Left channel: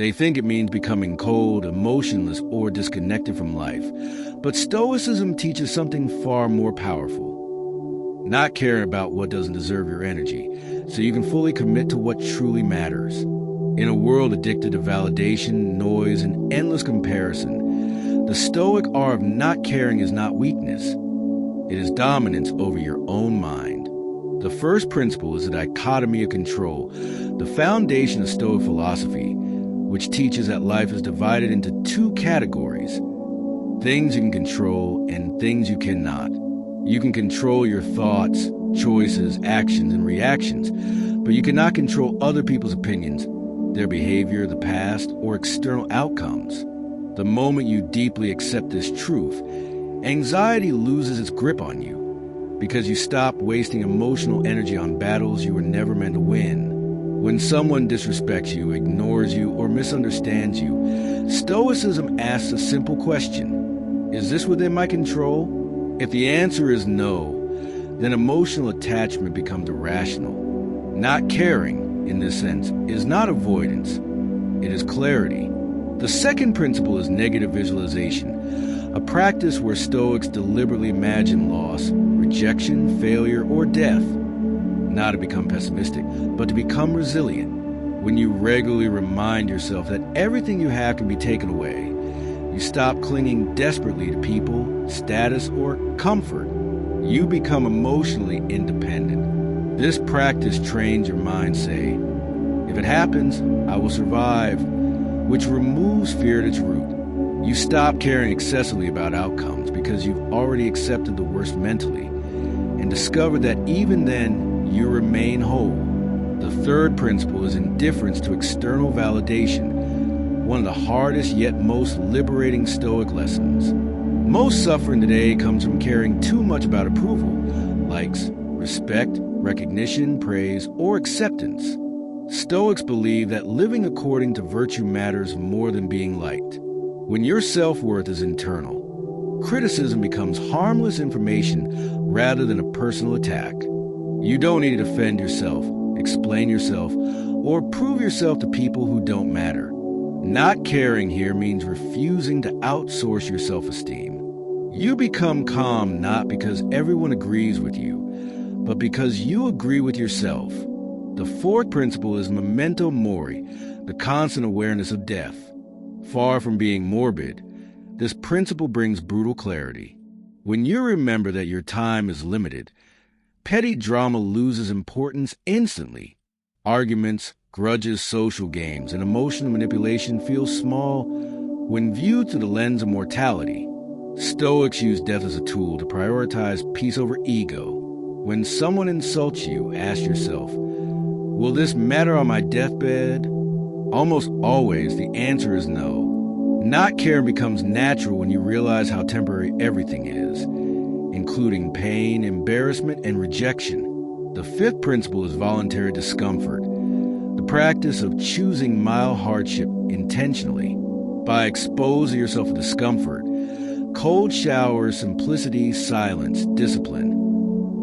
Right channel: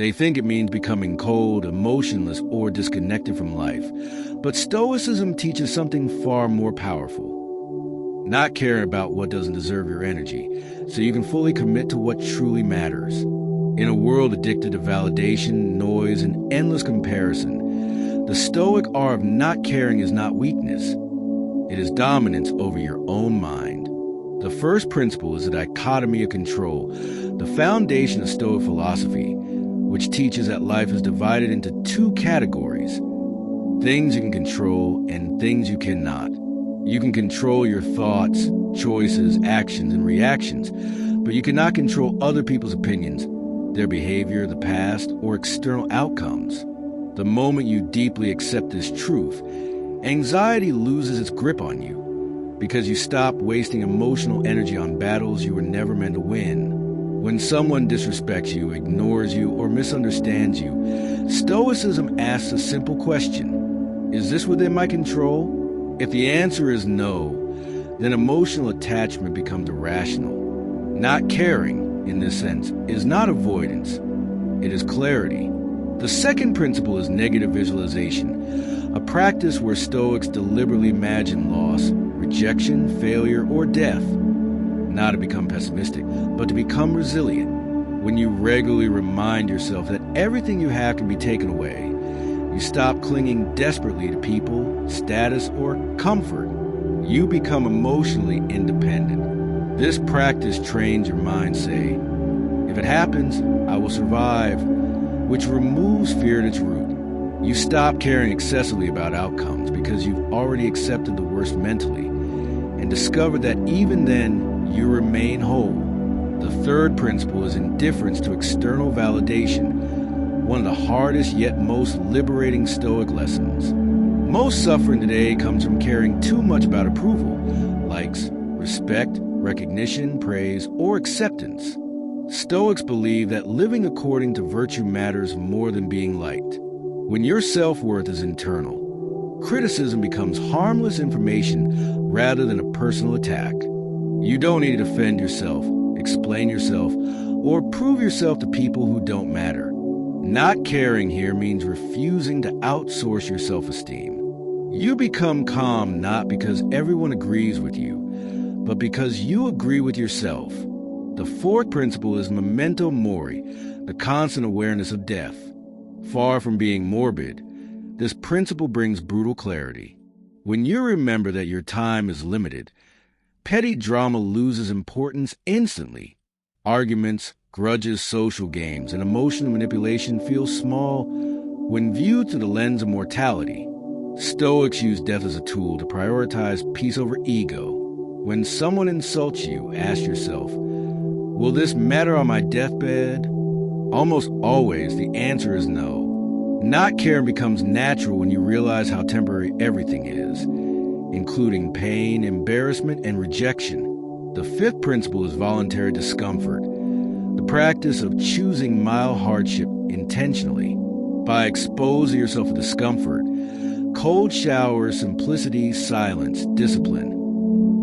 They think it means becoming cold, emotionless, or disconnected from life. But Stoicism teaches something far more powerful. Not caring about what doesn't deserve your energy, so you can fully commit to what truly matters. In a world addicted to validation, noise, and endless comparison, the Stoic art of not caring is not weakness. It is dominance over your own mind. The first principle is the dichotomy of control, the foundation of Stoic philosophy, which teaches that life is divided into two categories: things you can control and things you cannot. You can control your thoughts, choices, actions, and reactions, but you cannot control other people's opinions, their behavior, the past, or external outcomes. The moment you deeply accept this truth, anxiety loses its grip on you, because you stop wasting emotional energy on battles you were never meant to win. When someone disrespects you, ignores you, or misunderstands you, Stoicism asks a simple question: is this within my control? If the answer is no, then emotional attachment becomes irrational. Not caring, in this sense, is not avoidance. It is clarity. The second principle is negative visualization, a practice where Stoics deliberately imagine loss, rejection, failure, or death. Not to become pessimistic, but to become resilient. When you regularly remind yourself that everything you have can be taken away, you stop clinging desperately to people, status, or comfort. You become emotionally independent. This practice trains your mind say, if it happens, I will survive, which removes fear at its root. You stop caring excessively about outcomes because you've already accepted the worst mentally and discovered that even then, you remain whole. The third principle is indifference to external validation, one of the hardest yet most liberating Stoic lessons. Most suffering today comes from caring too much about approval, likes, respect, recognition, praise, or acceptance. Stoics believe that living according to virtue matters more than being liked. When your self-worth is internal, criticism becomes harmless information rather than a personal attack. You don't need to defend yourself, explain yourself, or prove yourself to people who don't matter. Not caring here means refusing to outsource your self-esteem. You become calm not because everyone agrees with you, but because you agree with yourself. The fourth principle is memento mori, the constant awareness of death. Far from being morbid, this principle brings brutal clarity. When you remember that your time is limited, petty drama loses importance instantly. Arguments, grudges, social games, and emotional manipulation feel small when viewed through the lens of mortality. Stoics use death as a tool to prioritize peace over ego. When someone insults you, ask yourself, will this matter on my deathbed? Almost always, the answer is no. Not caring becomes natural when you realize how temporary everything is, including pain, embarrassment, and rejection. The fifth principle is voluntary discomfort, the practice of choosing mild hardship intentionally. By exposing yourself to discomfort, cold showers, simplicity, silence, discipline,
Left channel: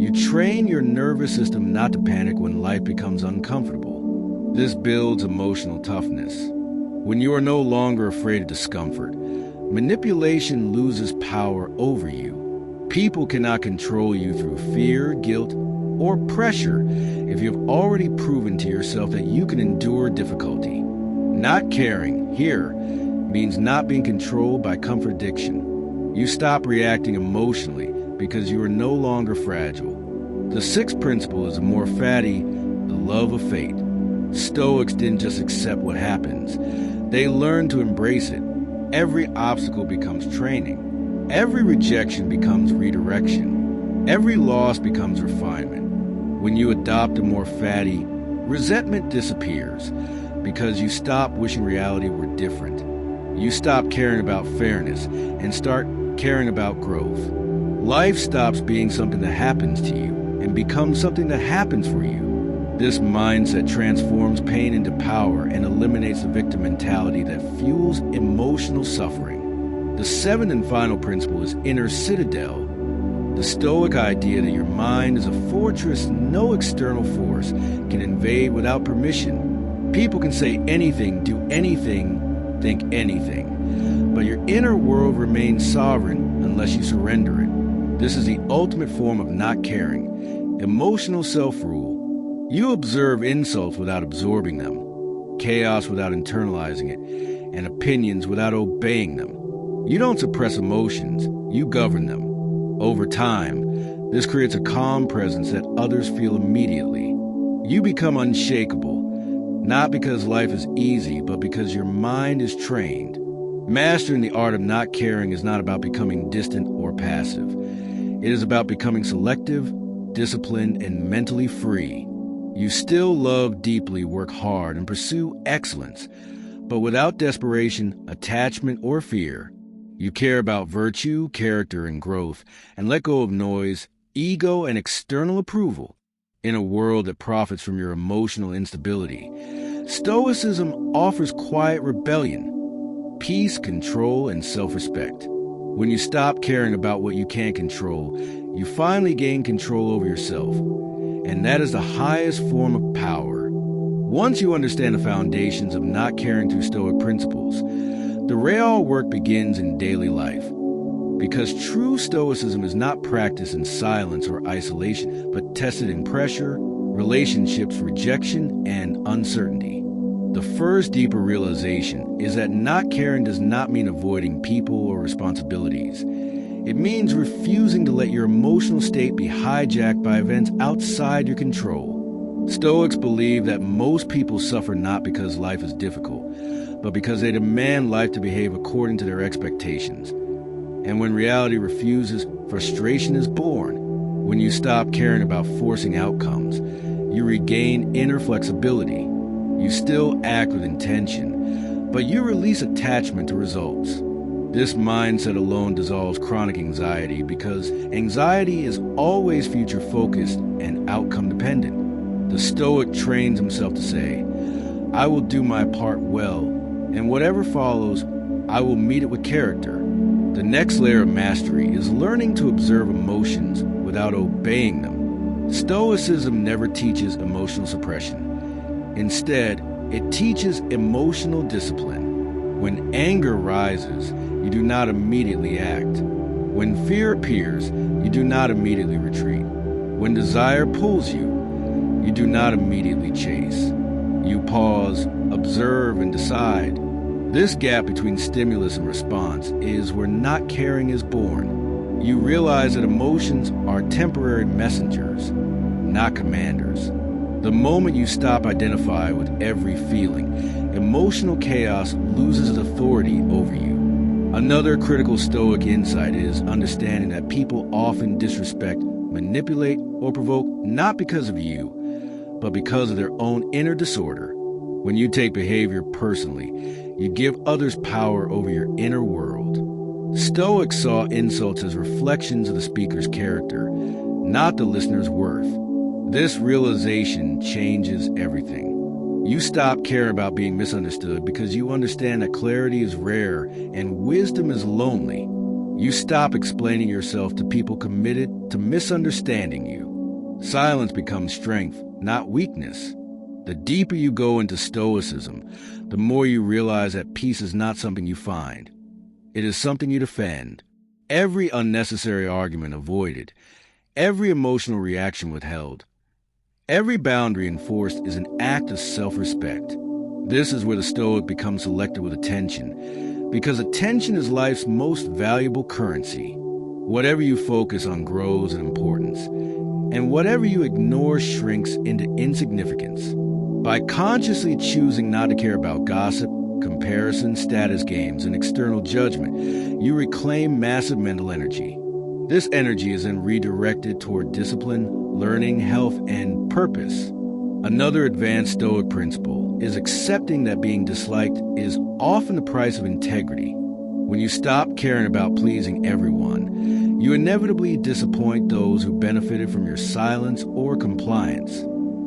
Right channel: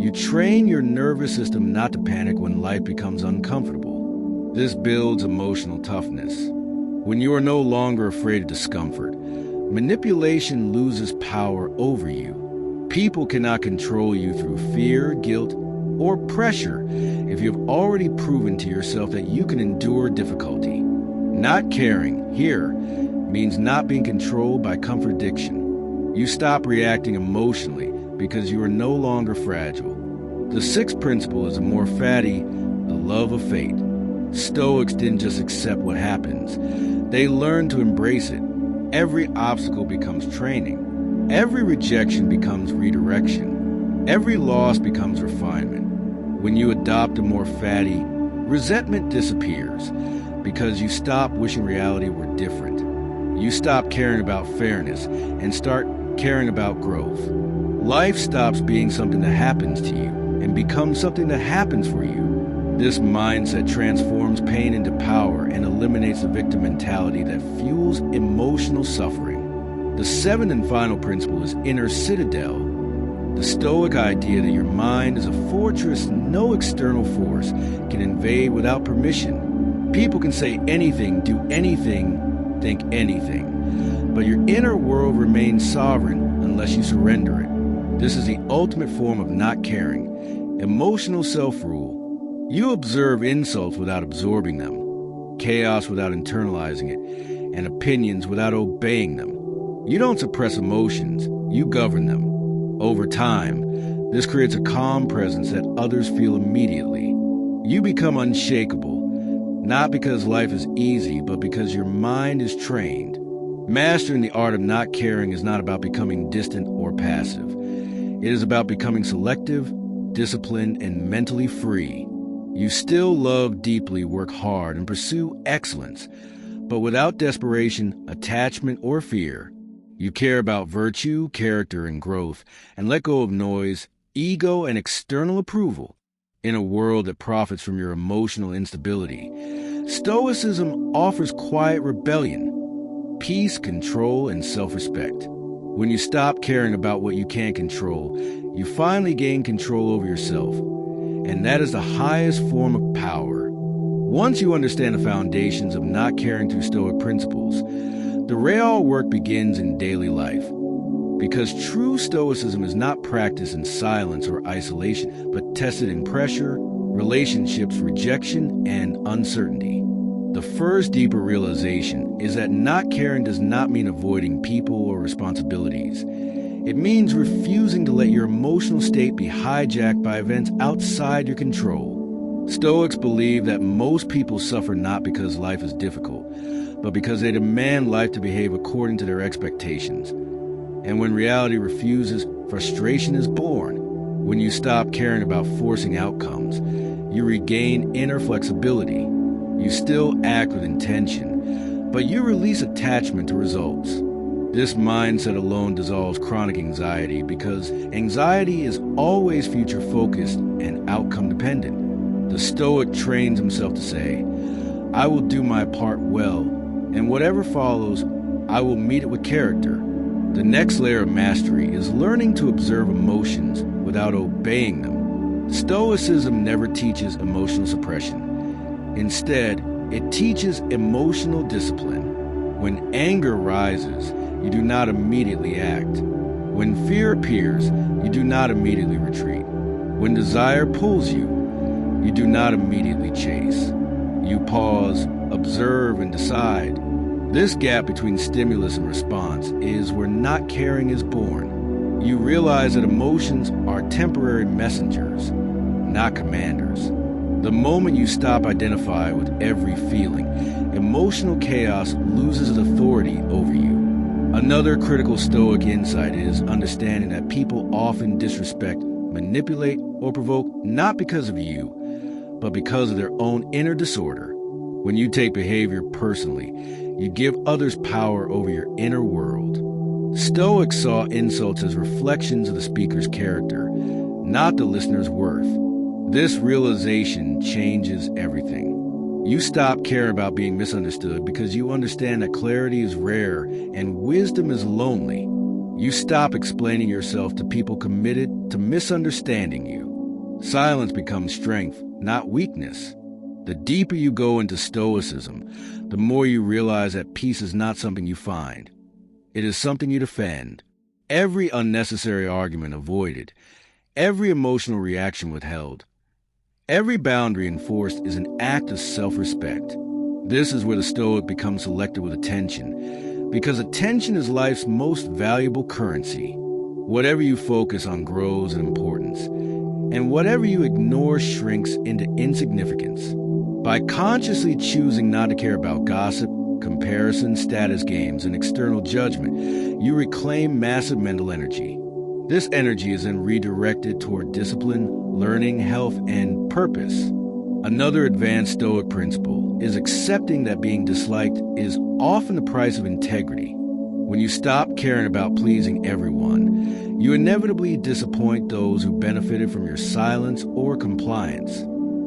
you train your nervous system not to panic when life becomes uncomfortable. This builds emotional toughness. When you are no longer afraid of discomfort, manipulation loses power over you. People cannot control you through fear, guilt, or pressure if you have already proven to yourself that you can endure difficulty. Not caring here means not being controlled by comfort addiction. You stop reacting emotionally because you are no longer fragile. The sixth principle is more fatty, the love of fate. Stoics didn't just accept what happens. They learned to embrace it. Every obstacle becomes training. Every rejection becomes redirection. Every loss becomes refinement. When you adopt a more fatty, resentment disappears because you stop wishing reality were different. You stop caring about fairness and start caring about growth. Life stops being something that happens to you and becomes something that happens for you. This mindset transforms pain into power and eliminates the victim mentality that fuels emotional suffering. The seventh and final principle is inner citadel, the Stoic idea that your mind is a fortress no external force can invade without permission. People can say anything, do anything, think anything, but your inner world remains sovereign unless you surrender it. This is the ultimate form of not caring, emotional self-rule. You observe insults without absorbing them, chaos without internalizing it, and opinions without obeying them. You don't suppress emotions, you govern them. Over time, this creates a calm presence that others feel immediately. You become unshakable, not because life is easy, but because your mind is trained. Mastering the art of not caring is not about becoming distant or passive. It is about becoming selective, disciplined, and mentally free. You still love deeply, work hard, and pursue excellence, but without desperation, attachment, or fear. You care about virtue, character, and growth, and let go of noise, ego, and external approval. In a world that profits from your emotional instability, Stoicism offers quiet rebellion, peace, control, and self-respect. When you stop caring about what you can't control, you finally gain control over yourself. And that is the highest form of power. Once you understand the foundations of not caring through Stoic principles, the real work begins in daily life. Because true Stoicism is not practiced in silence or isolation, but tested in pressure, relationships, rejection, and uncertainty. The first deeper realization is that not caring does not mean avoiding people or responsibilities. It means refusing to let your emotional state be hijacked by events outside your control. Stoics believe that most people suffer not because life is difficult, but because they demand life to behave according to their expectations. And when reality refuses, frustration is born. When you stop caring about forcing outcomes, you regain inner flexibility. You still act with intention, but you release attachment to results. This mindset alone dissolves chronic anxiety because anxiety is always future-focused and outcome-dependent. The Stoic trains himself to say, "I will do my part well, and whatever follows, I will meet it with character." The next layer of mastery is learning to observe emotions without obeying them. Stoicism never teaches emotional suppression. Instead, it teaches emotional discipline. When anger rises, you do not immediately act. When fear appears, you do not immediately retreat. When desire pulls you, you do not immediately chase. You pause, observe, and decide. This gap between stimulus and response is where not caring is born. You realize that emotions are temporary messengers, not commanders. The moment you stop identifying with every feeling, emotional chaos loses its authority over you. Another critical Stoic insight is understanding that people often disrespect, manipulate, or provoke not because of you, but because of their own inner disorder. When you take behavior personally, you give others power over your inner world. Stoics saw insults as reflections of the speaker's character, not the listener's worth. This realization changes everything. You stop caring about being misunderstood because you understand that clarity is rare and wisdom is lonely. You stop explaining yourself to people committed to misunderstanding you. Silence becomes strength, not weakness. The deeper you go into Stoicism, the more you realize that peace is not something you find. It is something you defend. Every unnecessary argument avoided, every emotional reaction withheld, every boundary enforced is an act of self-respect. This is where the Stoic becomes selective with attention, because attention is life's most valuable currency. Whatever you focus on grows in importance, and whatever you ignore shrinks into insignificance. By consciously choosing not to care about gossip, comparison, status games, and external judgment, you reclaim massive mental energy. This energy is then redirected toward discipline, learning, health, and purpose. Another advanced Stoic principle is accepting that being disliked is often the price of integrity. When you stop caring about pleasing everyone, you inevitably disappoint those who benefited from your silence or compliance.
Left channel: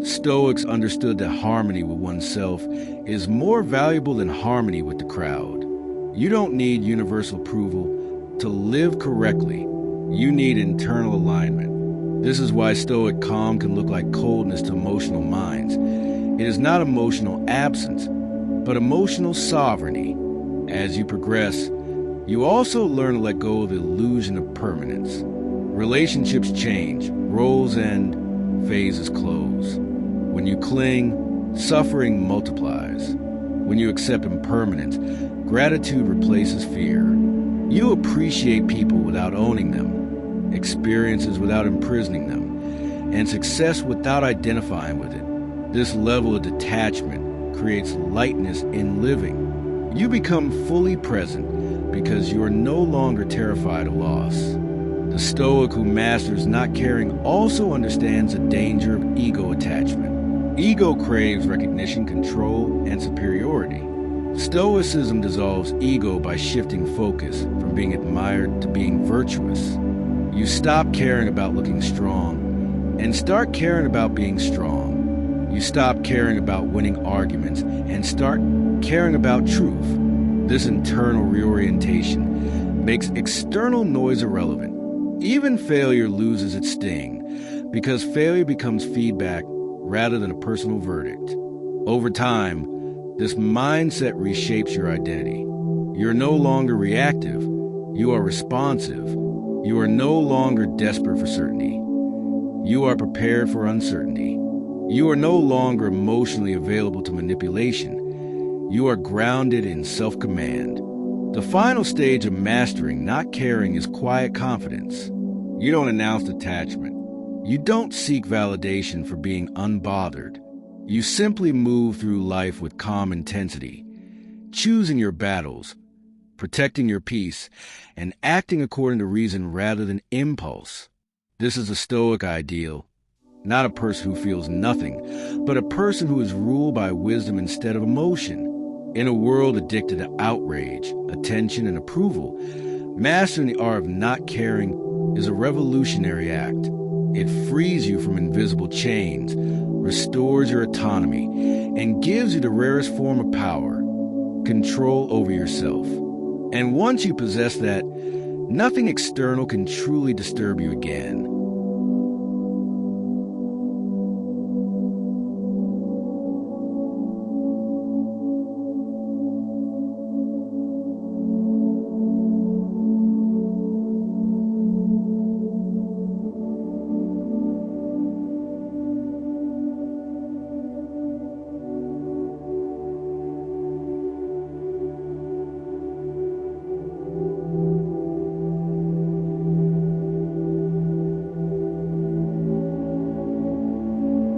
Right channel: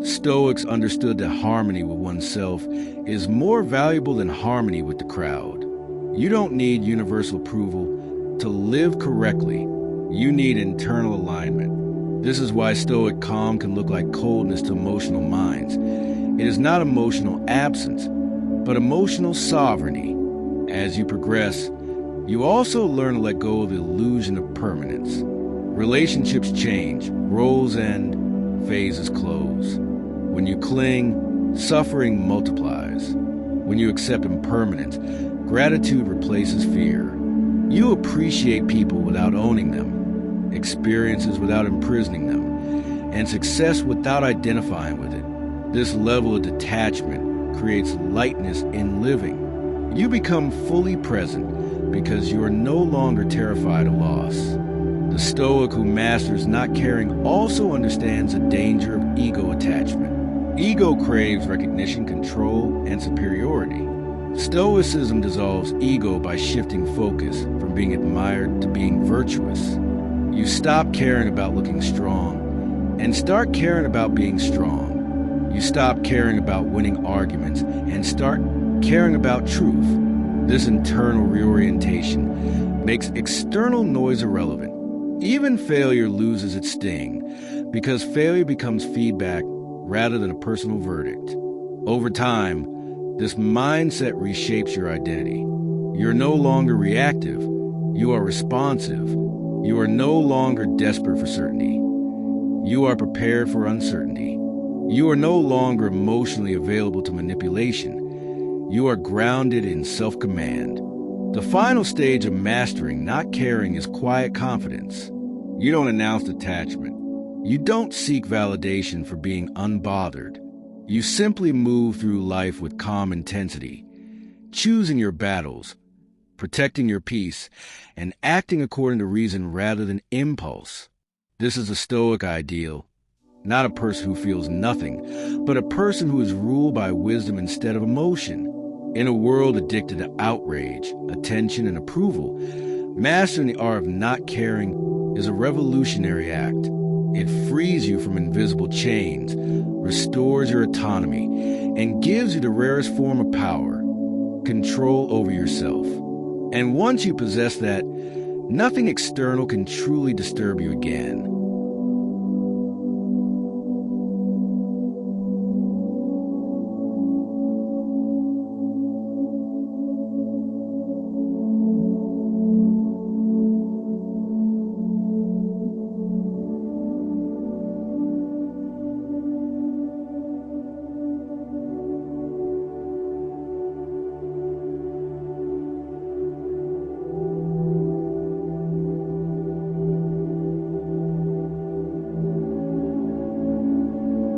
Stoics understood that harmony with oneself is more valuable than harmony with the crowd. You don't need universal approval to live correctly. You need internal alignment. This is why Stoic calm can look like coldness to emotional minds. It is not emotional absence, but emotional sovereignty. As you progress, you also learn to let go of the illusion of permanence. Relationships change, roles end, phases close. When you cling, suffering multiplies. When you accept impermanence, gratitude replaces fear. You appreciate people without owning them, experiences without imprisoning them, and success without identifying with it. This level of detachment creates lightness in living. You become fully present because you are no longer terrified of loss. The Stoic who masters not caring also understands the danger of ego attachment. Ego craves recognition, control, and superiority. Stoicism dissolves ego by shifting focus from being admired to being virtuous. You stop caring about looking strong and start caring about being strong. You stop caring about winning arguments and start caring about truth. This internal reorientation makes external noise irrelevant. Even failure loses its sting because failure becomes feedback rather than a personal verdict. Over time, this mindset reshapes your identity. You're no longer reactive. You are responsive. You are no longer desperate for certainty. You are prepared for uncertainty. You are no longer emotionally available to manipulation. You are grounded in self-command. The final stage of mastering not caring is quiet confidence. You don't announce detachment. You don't seek validation for being unbothered. You simply move through life with calm intensity, choosing your battles, protecting your peace, and acting according to reason rather than impulse. This is a Stoic ideal. Not a person who feels nothing, but a person who is ruled by wisdom instead of emotion. In a world addicted to outrage, attention, and approval, mastering the art of not caring is a revolutionary act. It frees you from invisible chains, restores your autonomy, and gives you the rarest form of power, control over yourself. And once you possess that, nothing external can truly disturb you again.